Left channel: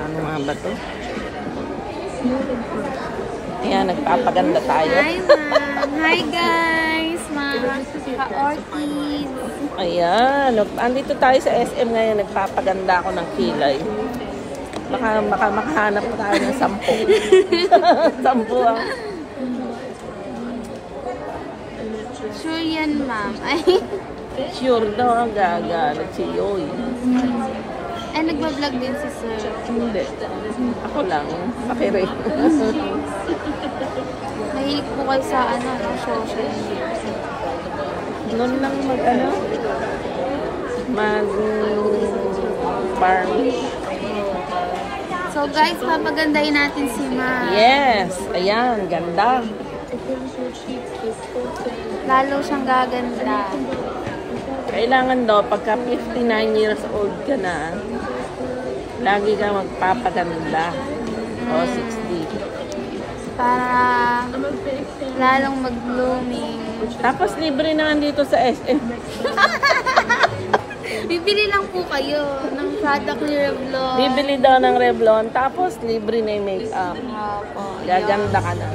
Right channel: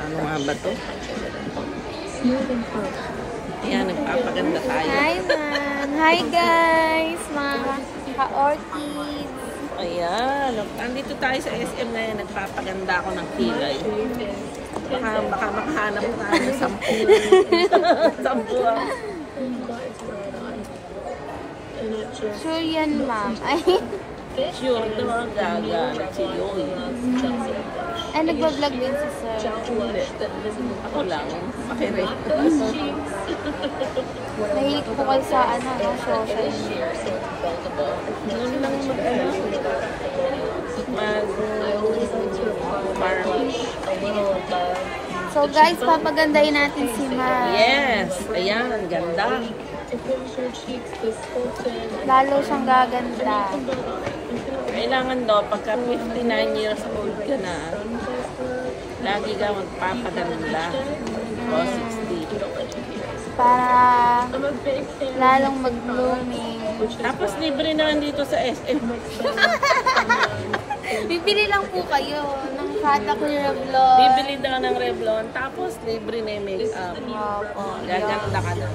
Ano nga ba to? Ayan, nagpapaganda tayo. Hi, ma'am. Hi, guys. Mga ka-orchids. Ayan, andito tayo sa SM ngayon. Nagpapaganda ako ng kilay. Baka makahanap tayo ng 10. 10 ang... Sure yan, ma'am. Sure daw ang gagalit si Yoy. Ay, nagbablog din si sir. Hindi. Ako lang. Pakire. Nahilig po kayo sa social media. Noon lang mag-party. So guys, papagandahin natin si ma'am. Yes. Ayan, ganda. Lalo siyang gaganda. Kailangan daw, pagka 59 years old ka na, lagi ka magpapaganda. O 60. Para lalong mag-blooming. Tapos libre naman dito sa SM. Bibili lang po kayo ng product ni Revlon. Bibili daw ng Revlon, tapos libre na yung makeup. Opo. Gaganda ka na.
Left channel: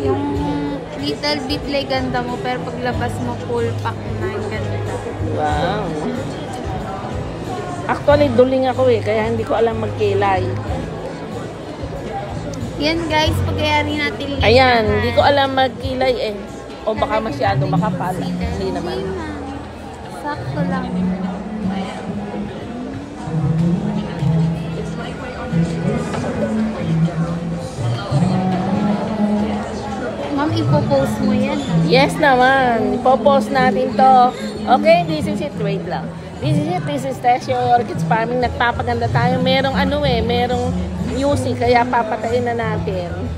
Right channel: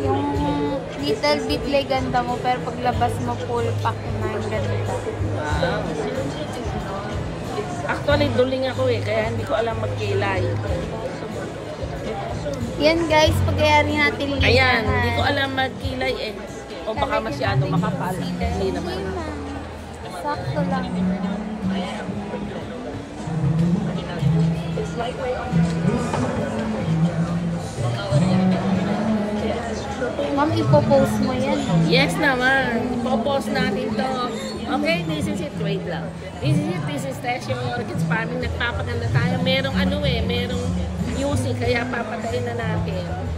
Yung little bit lang ganda mo, pero paglabas mo full pack na yung ganda. Wow. Actually, duling ako kaya hindi ko alam magkilay. Yan guys, pagyayari natin lipat. Ayan, hindi ko alam magkilay O baka masyado makapal. Hindi naman. Sakto lang. Ma'am, ipopost mo yan. Yes naman. Ipopost natin to. Okay, this is it. Wait lang. This is Tesio Orchids Farming. Nagpapaganda tayo. Merong merong music. Kaya papatayin na natin.